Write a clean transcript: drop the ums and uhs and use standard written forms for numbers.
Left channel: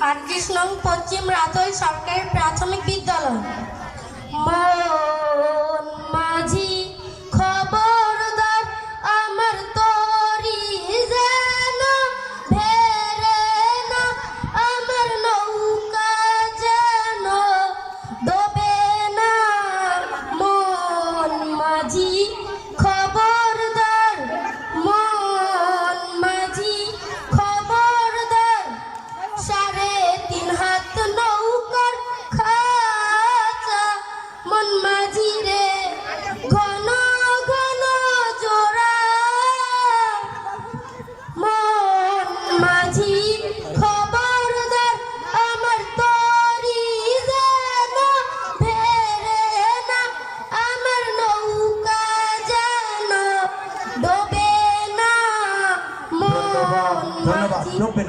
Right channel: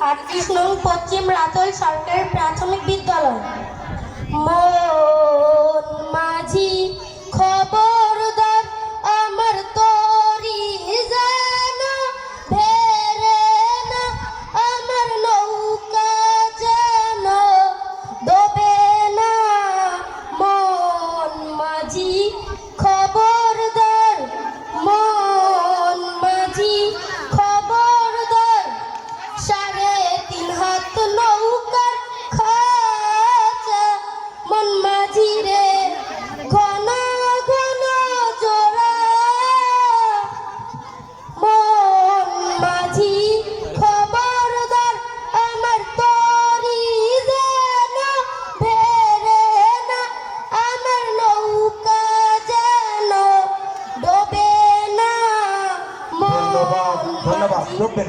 38 নং পশ্চিম রাতল সরকারি প্রাথমিক বিদ্যালয়। মন মাঝি খবরদার আমার তরি যেন ভেরে না, আমার নৌকা যেন ডোবে না। মন মাঝি খবরদার, মন মাঝি খবরদার, 3.5 হাত নৌকার খাঁচা। মন মাঝি রে ঘন ঘন জোড়া, মন মাঝি খবরদার আমার তরি যেন ভেরে না, আমার নৌকা যেন ডোবে না। ধন্যবাদ, ডুববে না।